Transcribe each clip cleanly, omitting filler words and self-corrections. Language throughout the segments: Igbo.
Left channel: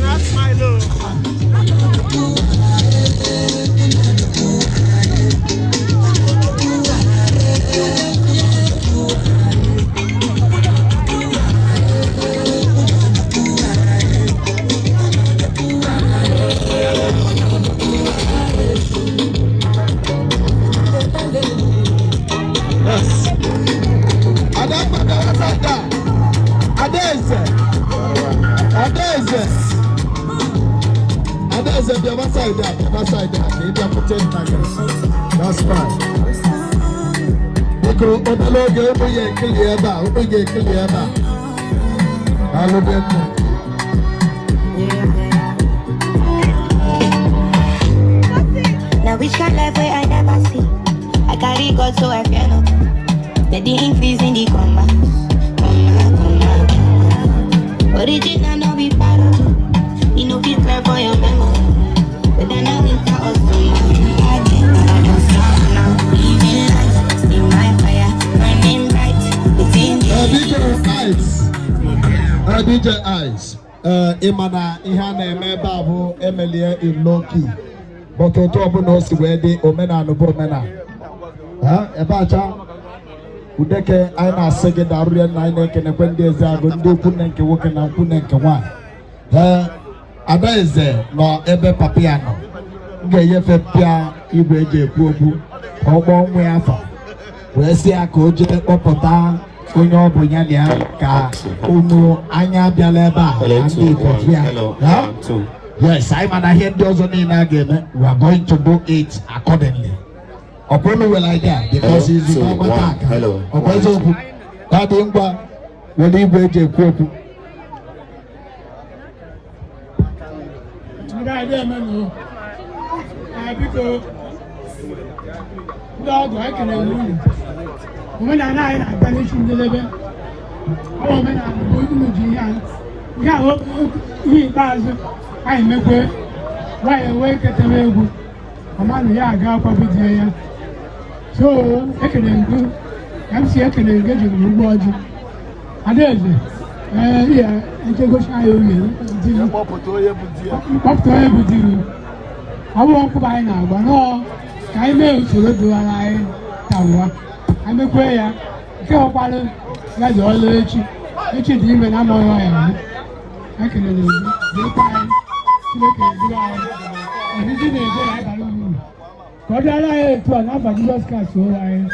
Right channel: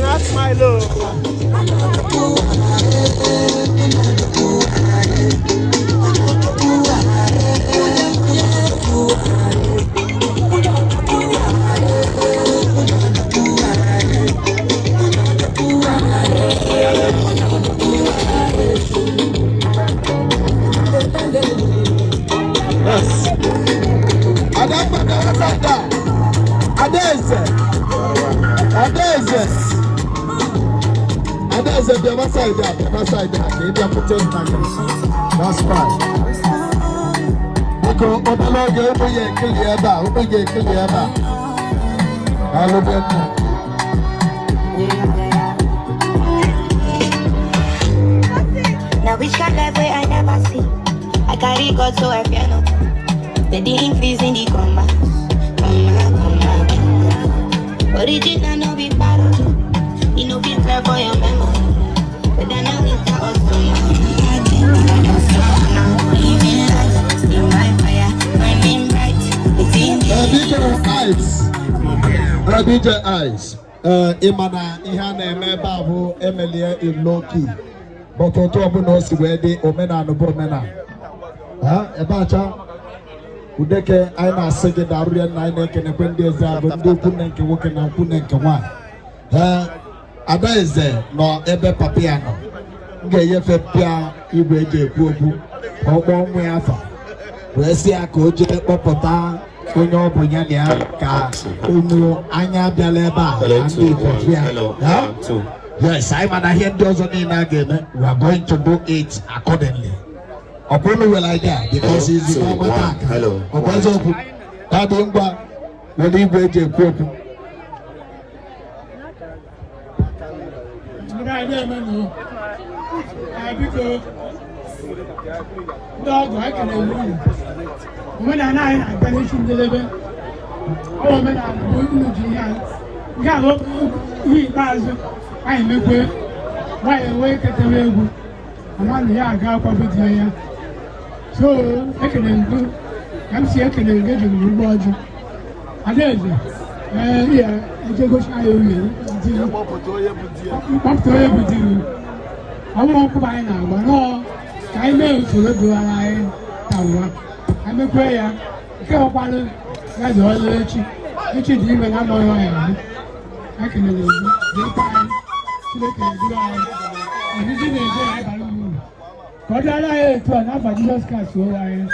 That's fine. Because now which kind of way I never see. I carry God so I piano. Let the increase in the comma. Original no be para. You know be clear for your memory. But then I need to DJ Eyes. Imana ihana emeba bu emelie in low key. But on top of us where they omena no bomena. Ebacha udeke aina sege daruya na ina kene kwende za gondo kunenke woke na kunenke wa. Adaize no ebe papiano. Nge yefe pia igwe eje ekwu ogbo nwe afa. We si aka oje kpọpụta onye ọbụnya ya ka unu anya bịala ebe a ndị Ikofia. Yes, I man hear ndị ọzọ niile a ga-eme. We are going to do it accordingly. Ọbụna we like that because it's the normal attack. Ọbụ eziokwu ka dị ngwa were igwe eji ekwu okwu. Dog, I can move. When I finish in the living, oh, when I'm going to the young, got he does. I make it. Why awake at the level? I'm on the yard, got up with the so I can do. I'm see I can engage in the word. I did. Yeah, I took a shy on you. Up to everything. I won't buy now, but no. I may do an eye. I'm a prayer. Come up, that's all the age. It's a demon. I'm all right. I can do it. I didn't say I don't know. But I like to another Jesus Christ. So I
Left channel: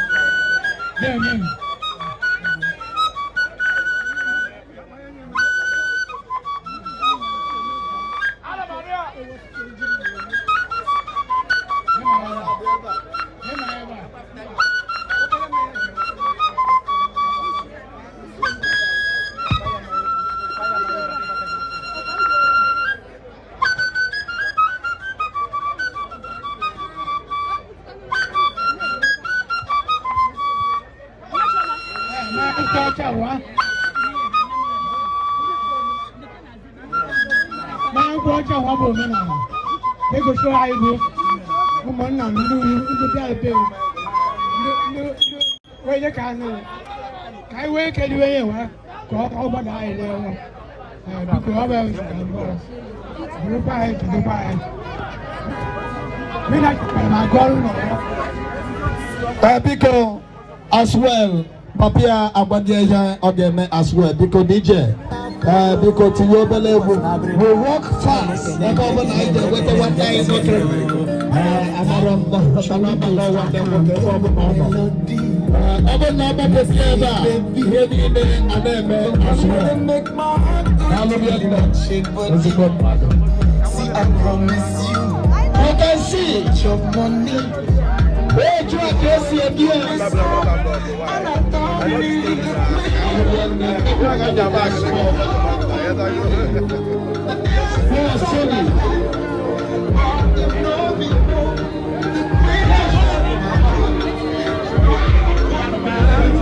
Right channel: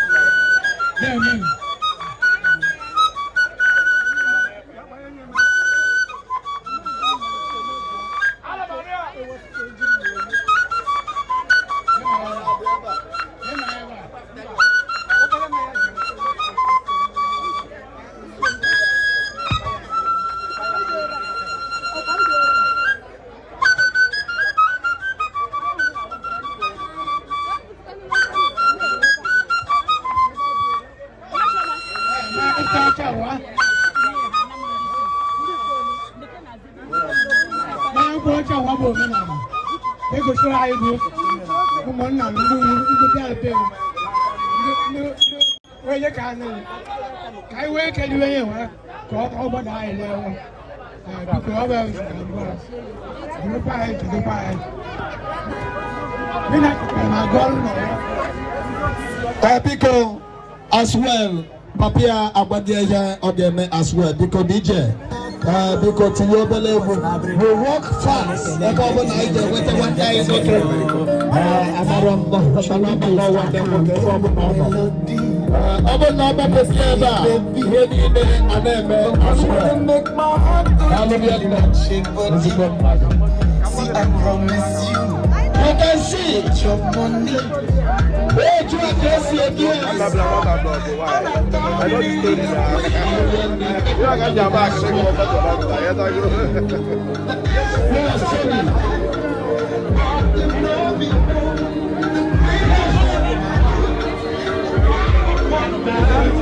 then. They go show I do. Come on now, you do where you can. I wake anyway. Go over the island. Because as well, Papia Abadia Ogeme as well, because DJ. Because we work fast. Like overnight, with the one guy is okay. See, I promise you. You can see your money. Wait, you can see again.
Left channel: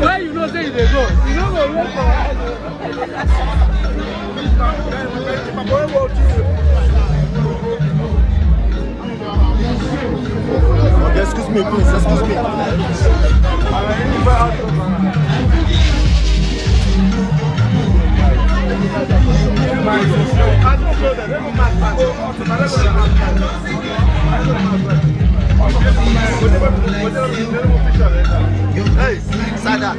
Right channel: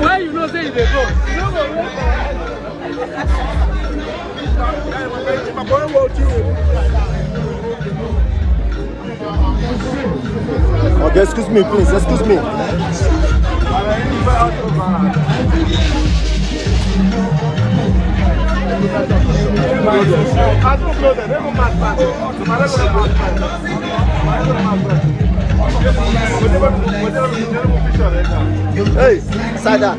Why you not say they go? You know Okay, excuse me, please. Excuse me. Hey, Sada.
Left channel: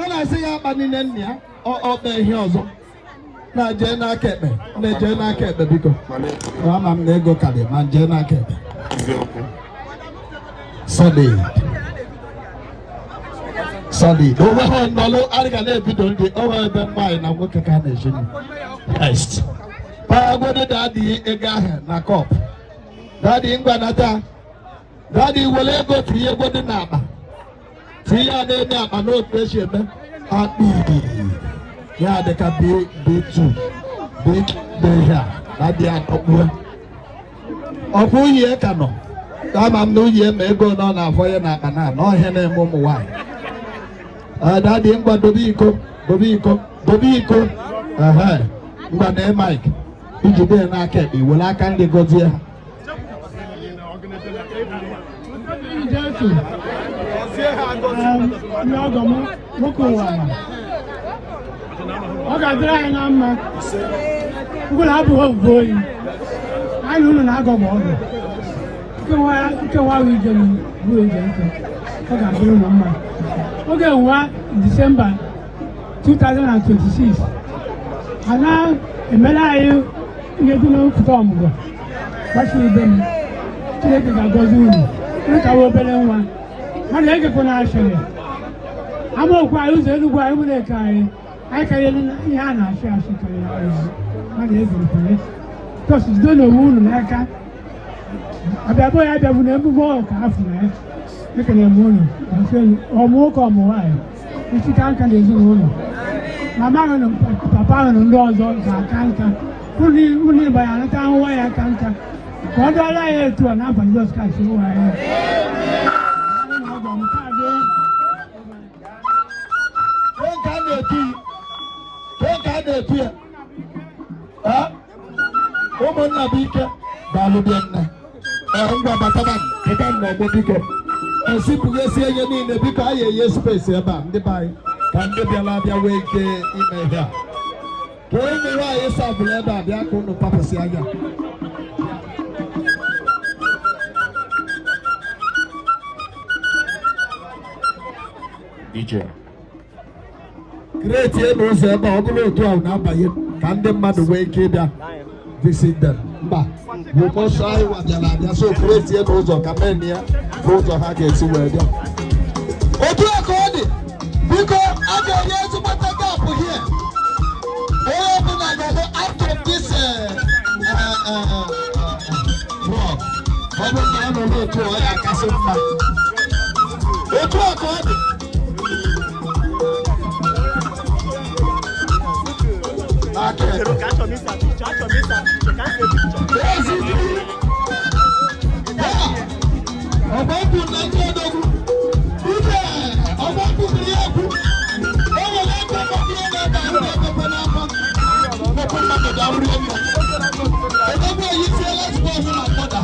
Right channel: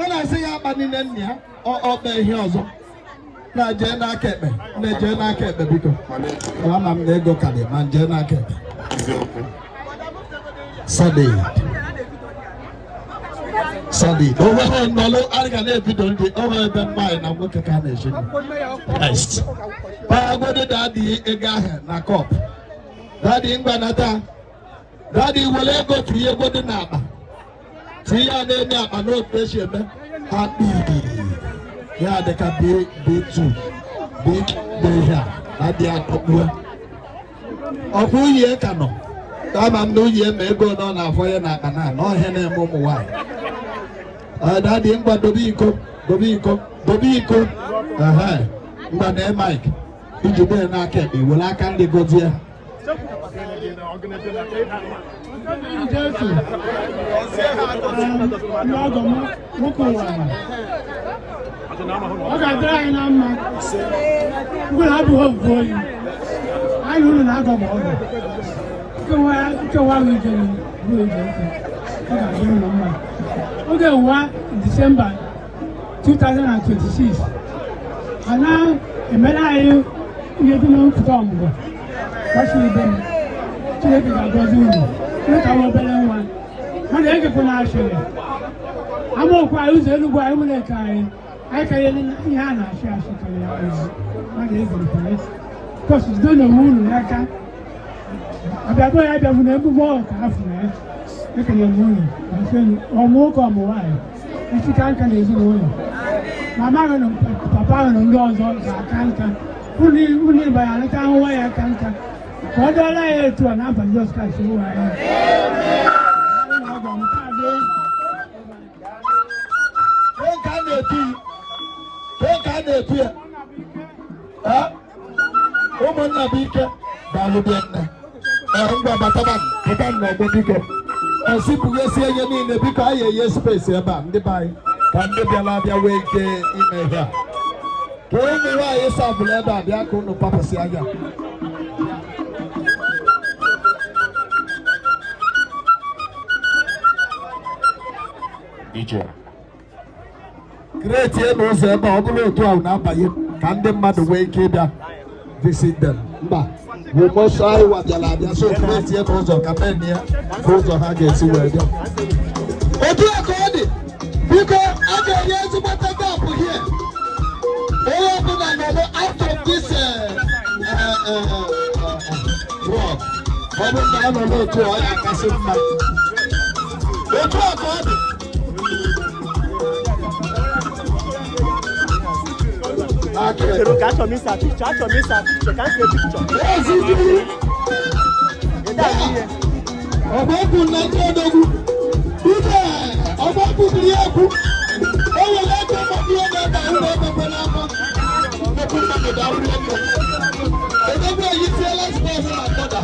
And I say, I'm in India or the hills. Na Jena Kepe, the Jena Kepe, because I'm nego Kali, man Jena Kepe. Solid. No, I can let you don't be over the mind of what carnation. Best. Pagode daddy, Egaha, Nakop. Daddy in Banata. Daddy will go to your body napa. See, I didn't have a note question. Yeah, they can be too. Big Deja. That they are up. Of who ye cannot. I'm no year may go down for your nap and no henna momo wine. That didn't but Dobico. But then, Mike, if you didn't like it, will I kindly go there? Okay, dry na mma. Ngul habu hoboyi. Ayi unu na agọ mọọgọ. Ike wa wi jẹun wi jẹun. Oga duru na mma. Oge wa December 2026. Ana emela ayi ihe dị na mfuta ọmụgwọ. Kashi ibe m. Chineke ga-agọzi unu. Unu ka obere nwa. Ha na-ekekwa na ashịrị. Amaokwu anyị ụzọ Enugu anyị nwere ka anyị. I can't even share a because it's going to moon. I can't. I don't never walk after I can moon. I'm saying, or more come away. If you can't come in, my mother and papa and dogs I can't. Only by another time why I can't. What do I like to an up and those guys who I am? Don't appear. Woman Nabika, Balubiana, and Bataman, Bataman, and simply say you need a big eye, space about the buy. Can you be allowed your way in here? Don't you lie yourself, Leda, the Akon of Papa Siaga. DJ. Great year was about to our number. Can the mother wake it up? Visit them. We must try what the lad so great year was of Camania. Both of Haggis were there. What do you call it? Because other years of what I got for here. They open another out of this rock. I don't know to I can see my. What do you call it? Tirou o caixa, me sabe. Você quer ver? Ọ̀bọ̀kùn náà tó dogun. Bíbẹ̀ ọ̀bọ̀kùn ní ẹ̀kú. Ó wọ̀ lẹ́gbẹ̀ẹ́ mọ́bí ọ̀nà ẹ̀bà ń bẹ̀ pẹ̀pẹ̀ náà mọ́. Ọ̀bọ̀kùn náà tó dáwọ́ lọ́wọ́. Ẹ̀dẹ́gbẹ̀ yìí fi ọlọ́sibọ̀ fún àpọ̀dà.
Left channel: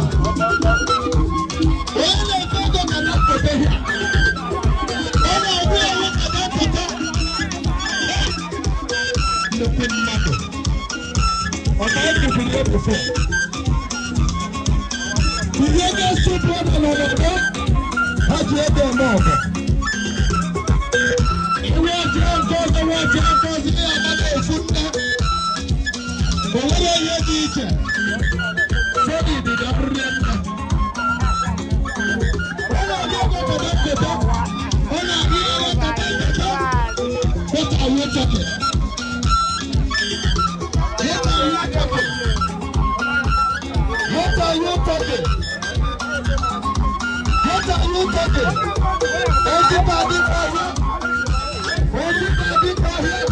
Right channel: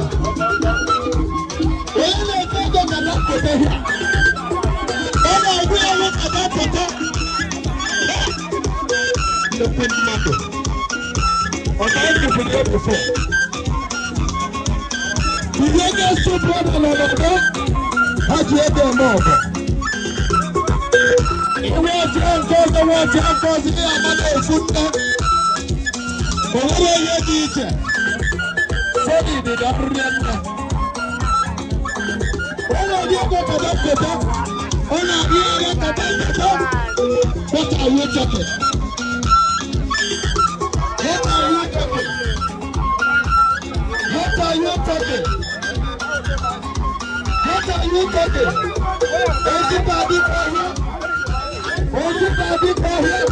here before. The youngest children in Ibadan, how do you get more? The world champions, the world champions, the Ibadan football. The world teacher. Sorry, the Gabriel. When I go to the top, when I go to the top, what are you talking? What are you talking? What are you talking? What are you talking? Everybody for him. Everybody for him.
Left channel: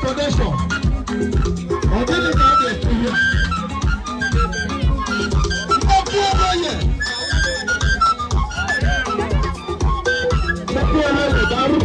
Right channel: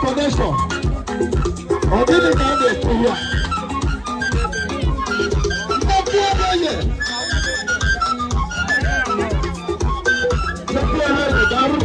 Connection. On dit les gars des pouvoirs. Il va tout envoyer. Le pouvoir de Darou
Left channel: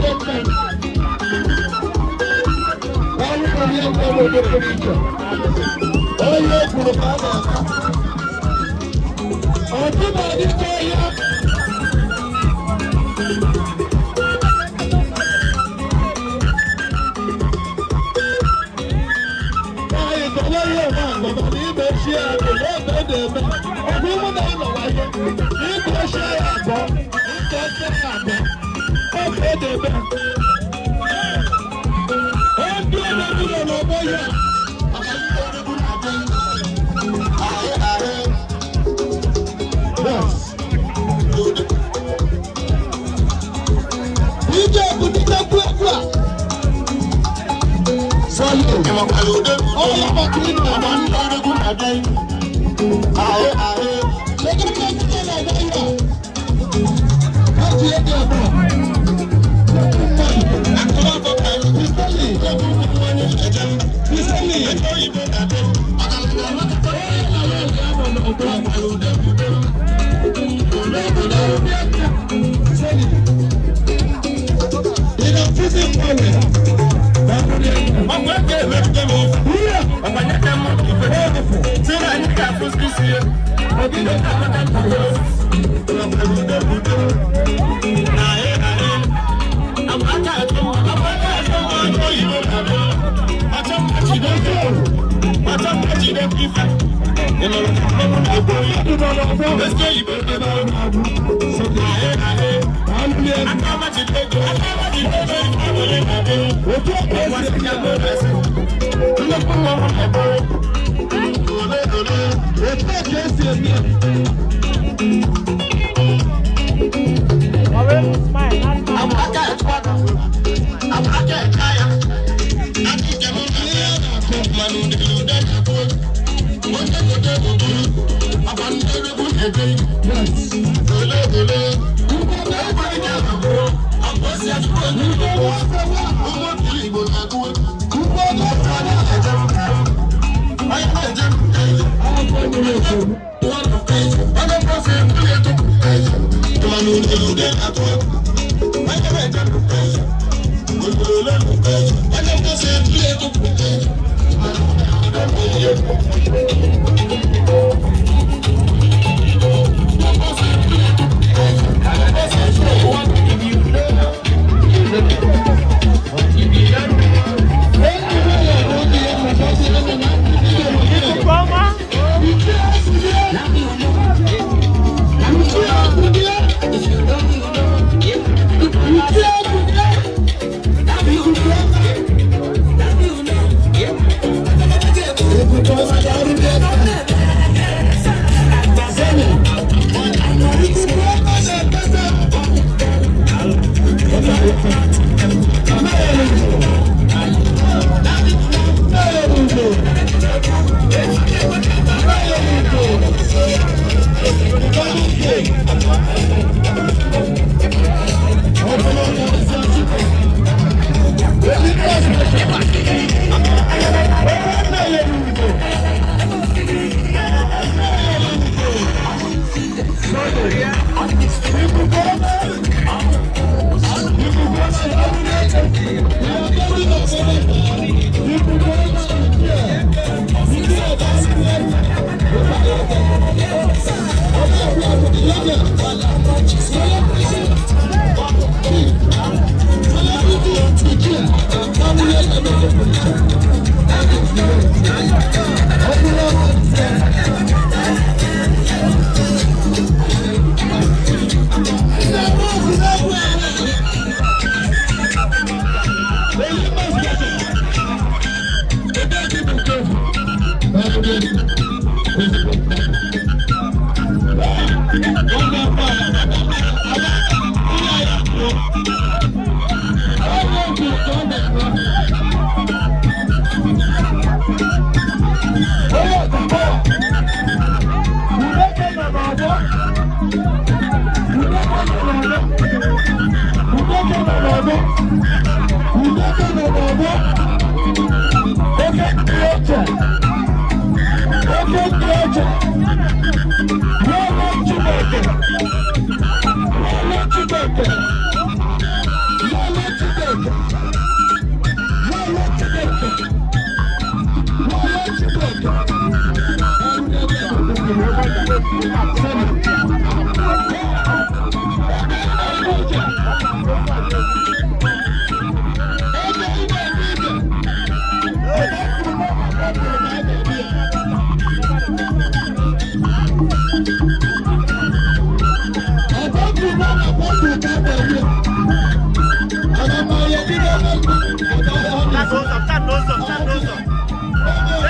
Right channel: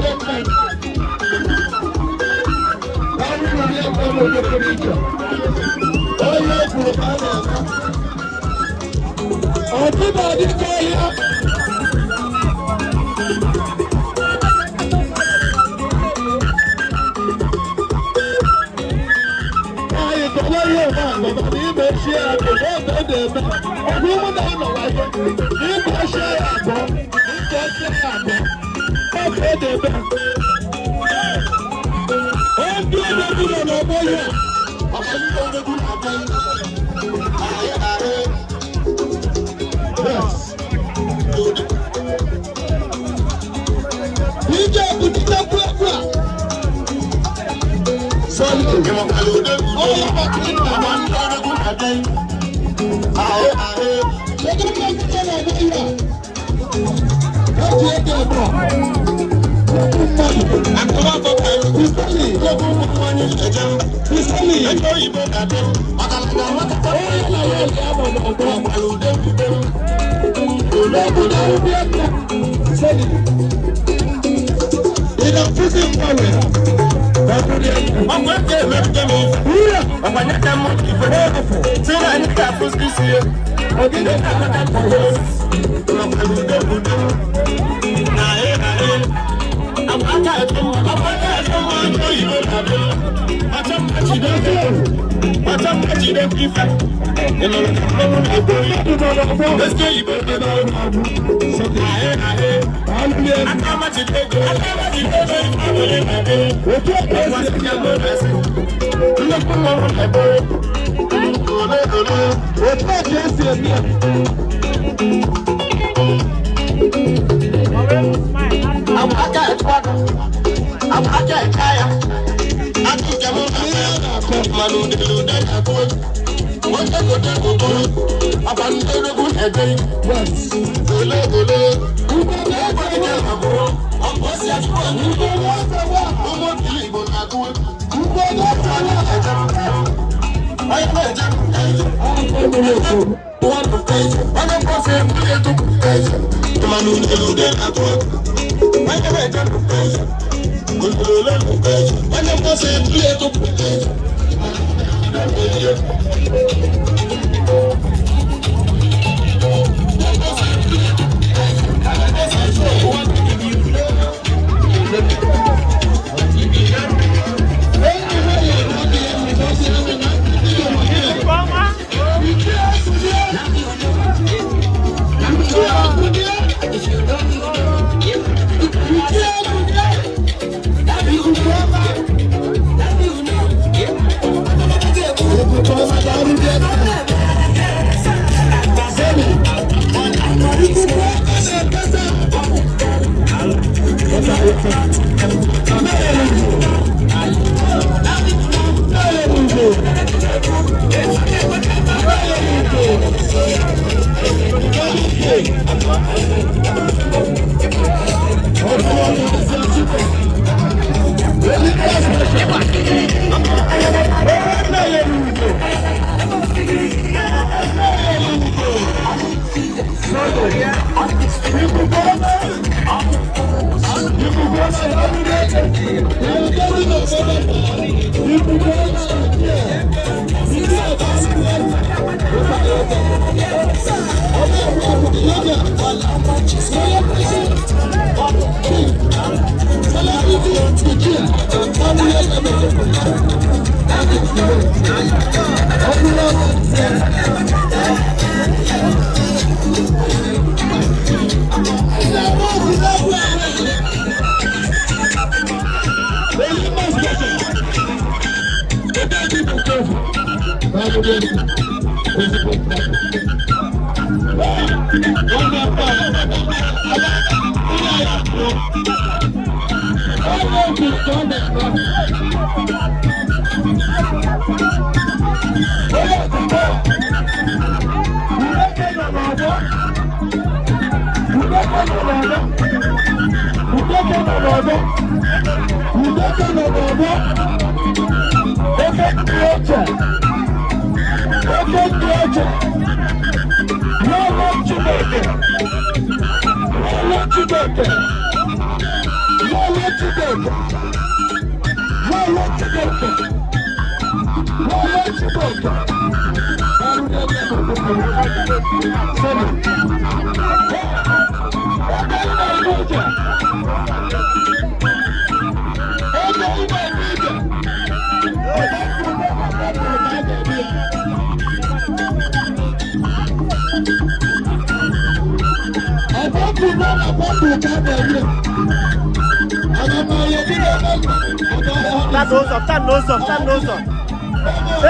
Stand no stop.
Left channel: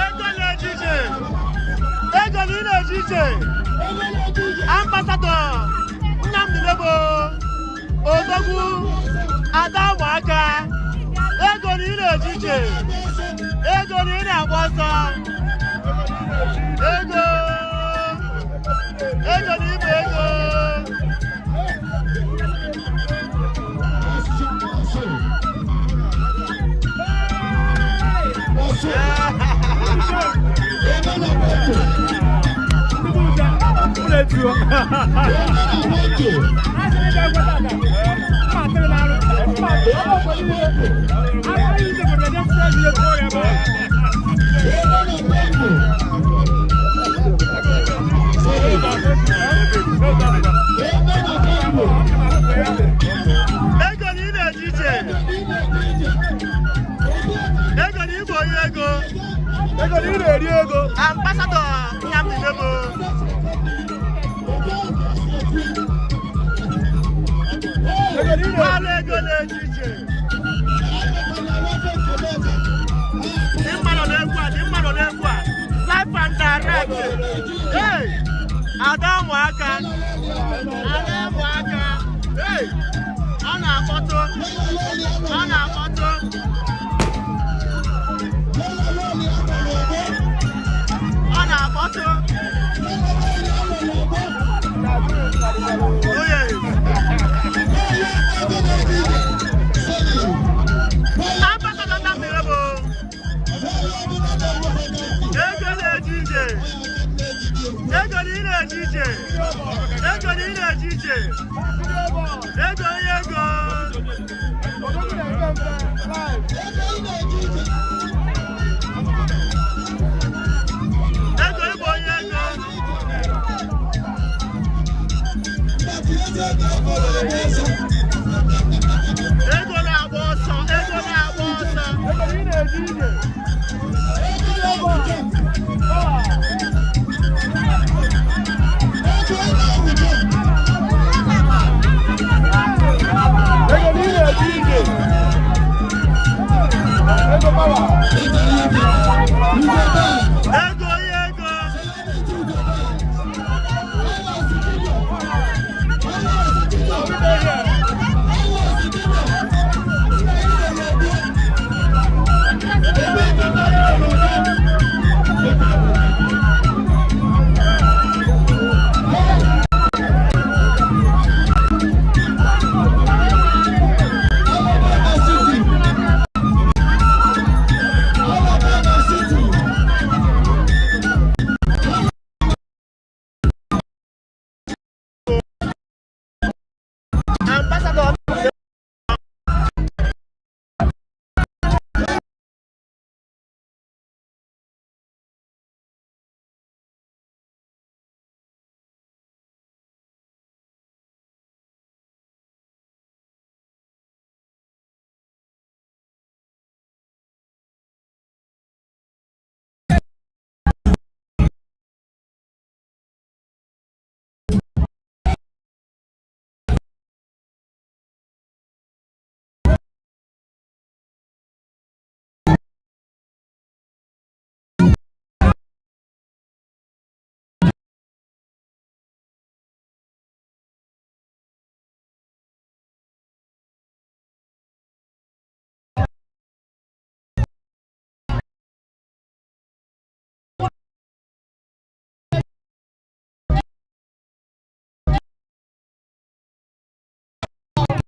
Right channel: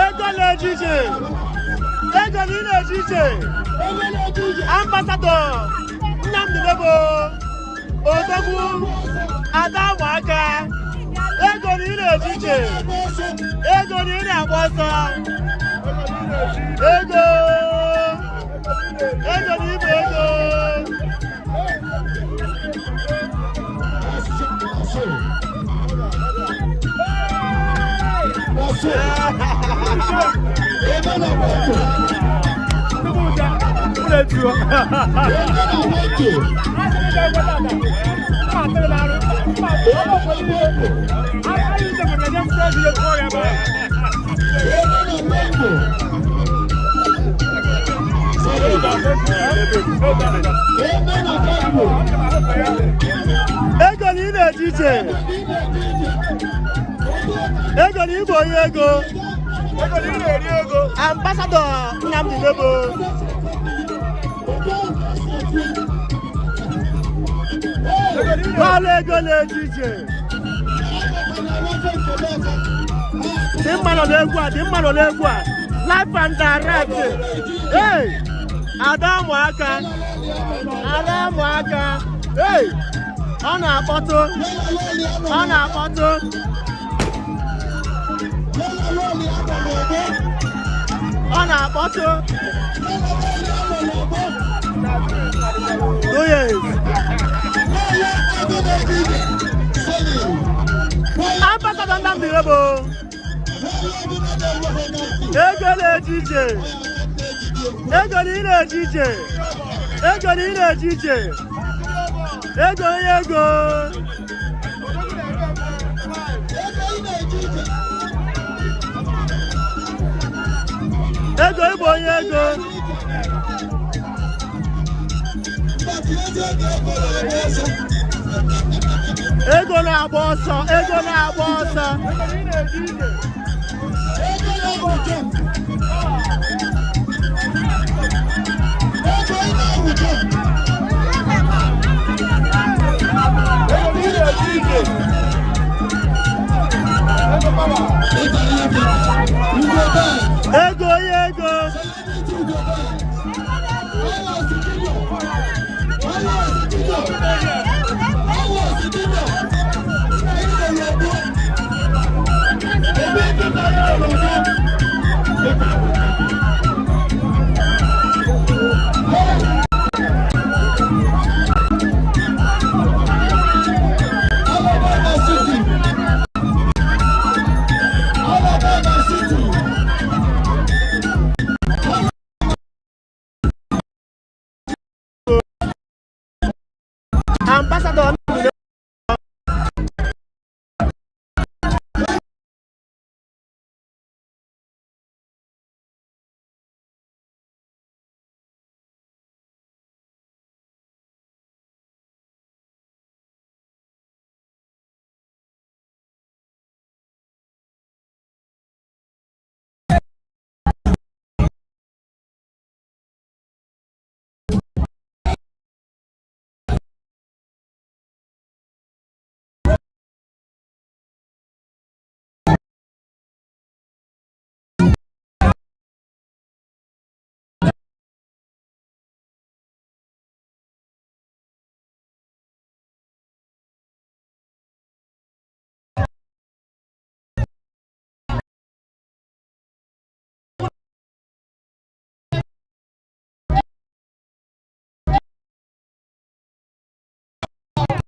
Ego na-ejije. Ego ni na-ejije. Ambassador Nnamdi Nebo Odogwu Adamwaka. Ego ni na-ejije. Ego ni na-agba ọsọ. Ego. Ego ni ibu ego. Ego ni na-ejije. Ego ni ibo ego. Ego ni ori ego. Ambassador Nnamdi Nebo. Wale ego na-ejije. Dị mma nọ n'egwu a. Life and direct. Hey! Adamwaka. Hey! Ọ na-akpọtụ. Oh yes. Ambassador Nnamdi Nebo. Ego na-ejije. Ego ni na-ejije. Ego. Ego ibo ego. Ego na-agba ọsọ. Ego.